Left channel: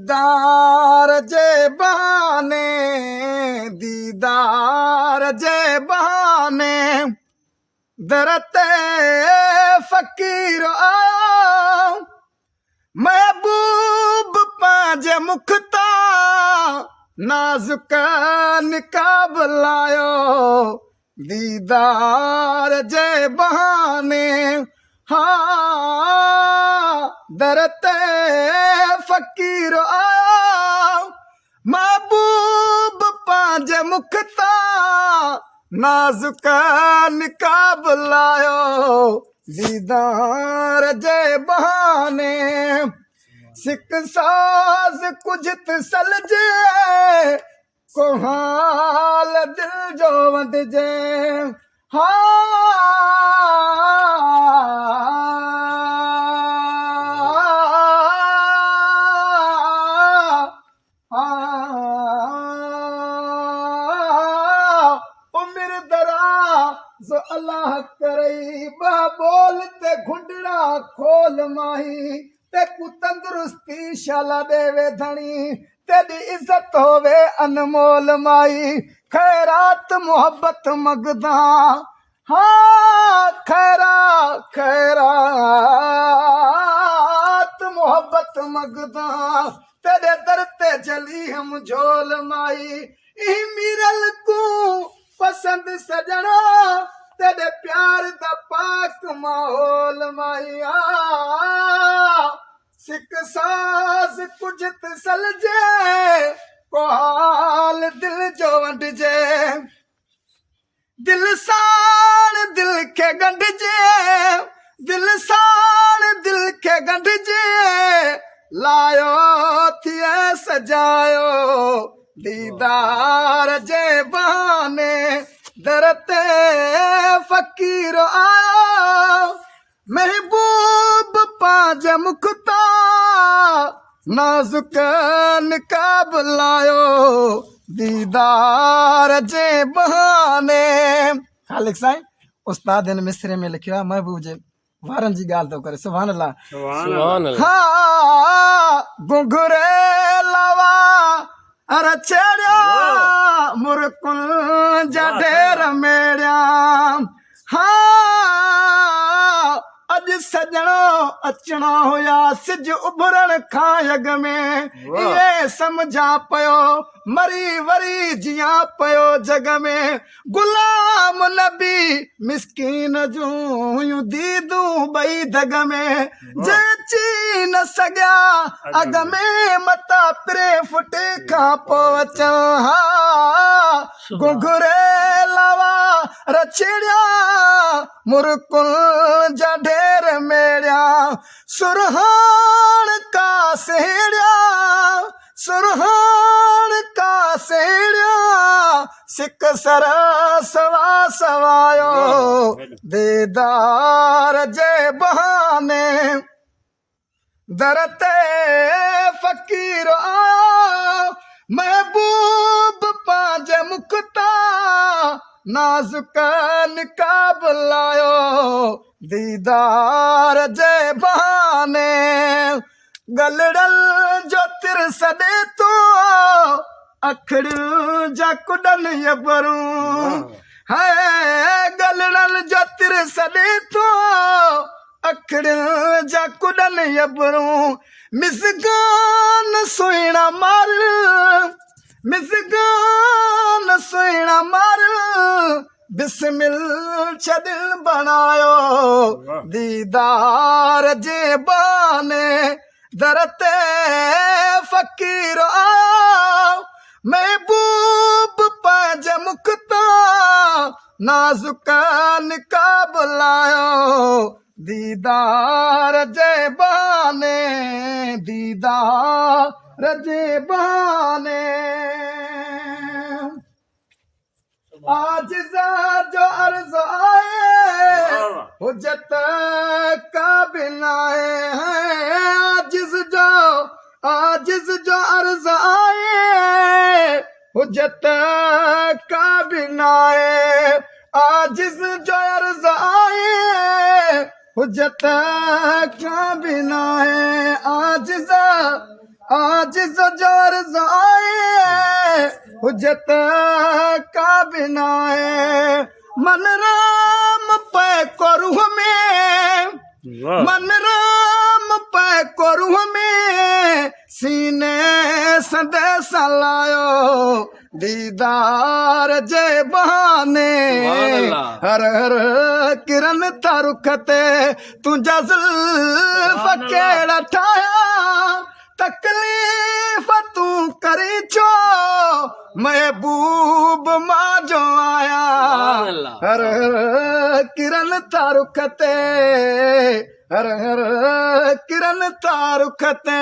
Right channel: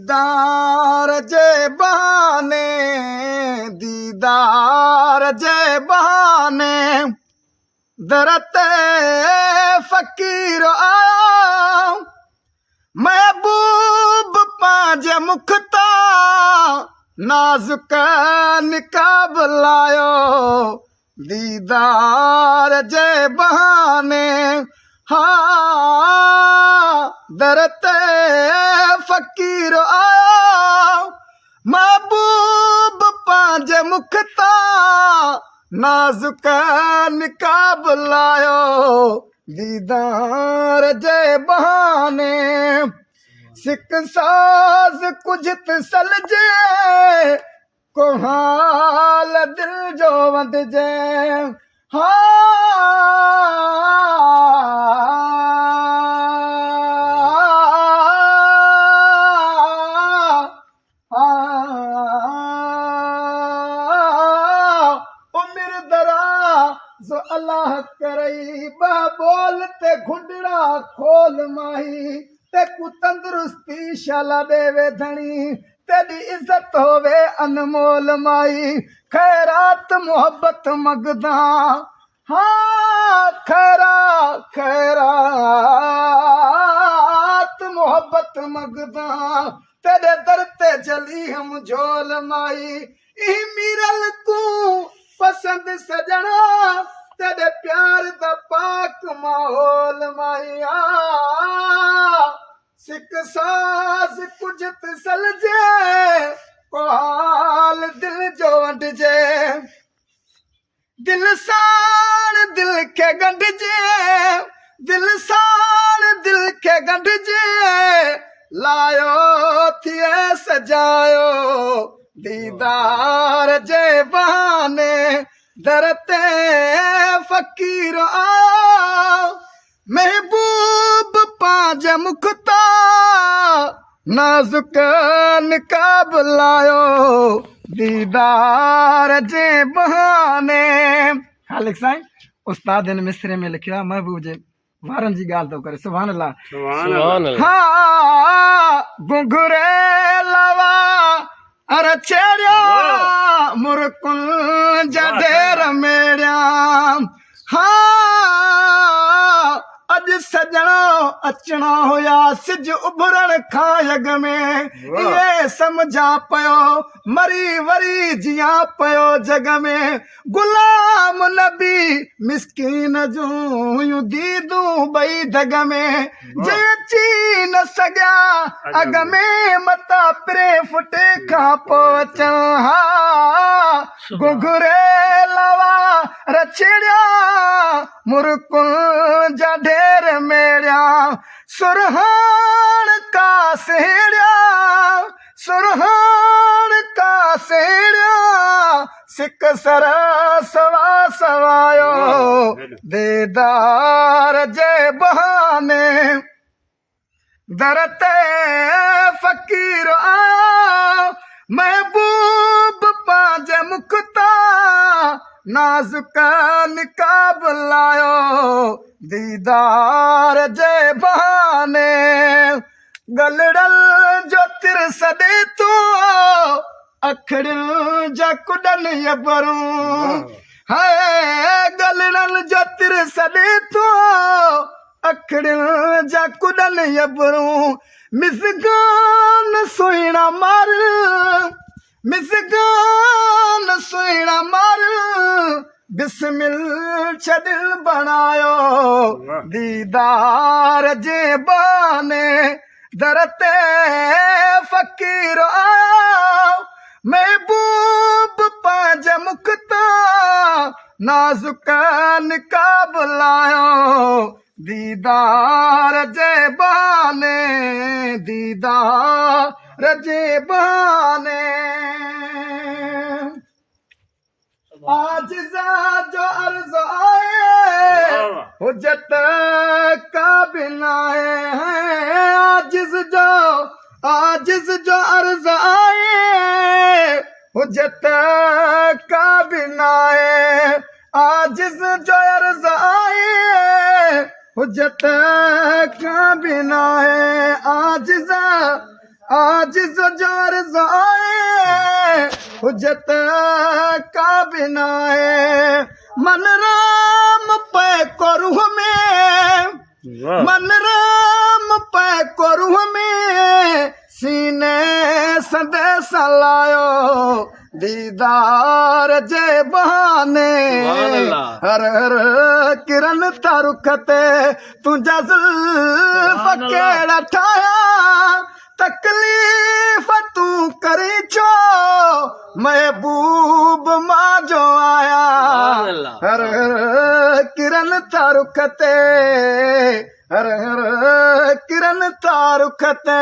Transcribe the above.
दीदार जे बहाने, दीदार जे बहाने दरते फ़कीर आयो। महबूब पंहिंजे मुख तां नाज़ुक निकाब लायो। दीदार जे बहाने दरते फ़कीर आयो। महबूब पंहिंजे मुख तां नाज़ुक निकाब लायो। दीदार जे बहाने सिक साज़ कुझ त सलजे, को हाल दिल जो वंडिजे। उमिर दराज़ अल्लाह करई, बा बोल ते घुंडड़ा खोल माही, ते कु तंदुरुस्ती शाला देवे धणी, तेरी इज्जत होवे अनमोल माई। खैरात मोहब्बत मगदा, खैरात मोहब्बत मगदा, तेरे दर ते चली हम झोल माई। ई मीरल को पसंद सजना, तेरे प्यार दा पाक माहौल माइया। सिक साज़ कुझ त सलजे, को हाल दिल जो वंडिजे। दिल साण दिल खे गंढिजे, दिल साण दिल खे गंढिजे, लायो थिए सजायो। दीदार जे बहाने दरते फ़कीर आयो। महबूब पंहिंजे मुख तां नाज़ुक निकाब लायो। दीदार जे बहाने। ख़ालिक साईं उस्ताद हिन मिसरे में लिखियो आहे, महबूब जे वारनि जी ॻाल्हि थो करे। सुभान अल्लाह, सुभान अल्लाह। घुंघरे लवा अरे छेड़िया, मुरकुनि जा ढेर मेड़िया। अॼु सजणो अचणा हुया, सिज उभरण खां अॻ में, इहे सम्झा पियो मरी वरी जिया पियो जग में। गुलाम नबी मिसकीन जूं हुयूं दीदूं ॿई दग में, जे अची न सघिया अॻ में, मता पिरे फुटे खां पोइ अचनि। घुंघरे लवा रछड़िया, मुरकुनि जा ढेर मेड़िया। सुरहान का सेड़िया, सुरहान का सेड़िया, सिक सर सवा सवायो। दीदार जे बहाने दरते फ़कीर आयो। महबूब पंहिंजे मुख तां नाज़ुक निकाब लायो। दीदार जे बहाने गलड़ल जो तिर सॾे तूं, अखड़ियुनि जा कुॾनि यबरूं। गलड़ल जो तिर सॾे तूं, अखड़ियुनि जा कुॾनि यबरूं। मिसगान सुहिणा मार, मिसगान सुहिणा मार, बिस्मिल छॾ बणायो। दीदार जे बहाने दरते फ़कीर आयो। महबूब पंहिंजे मुख तां नाज़ुक निकाब लायो। दीदार जे बहाने, दीदार जे बहाने। आजिज़ जो अर्ज़ आए, हुज्जत काबिल आए। आजिज़ जो अर्ज़ आए, हुज्जत काबिल आए। आजिज़ जो अर्ज़ आए, हुज्जत काबिल आए। आजिज़ आज ज़ोर ज़ाए हुज्जत का बिनाए मन राम पे करूँ में मन राम पे करूँ में सीने संदेशा लायो दीदार जे बहाने हर हर किरण तारुखते तुझा जुल्फ केड़ा ठाया तकलीफ तू करी छो महबूब मां जो आया हर हर किरण तारुखते हर हर किरण तारुखते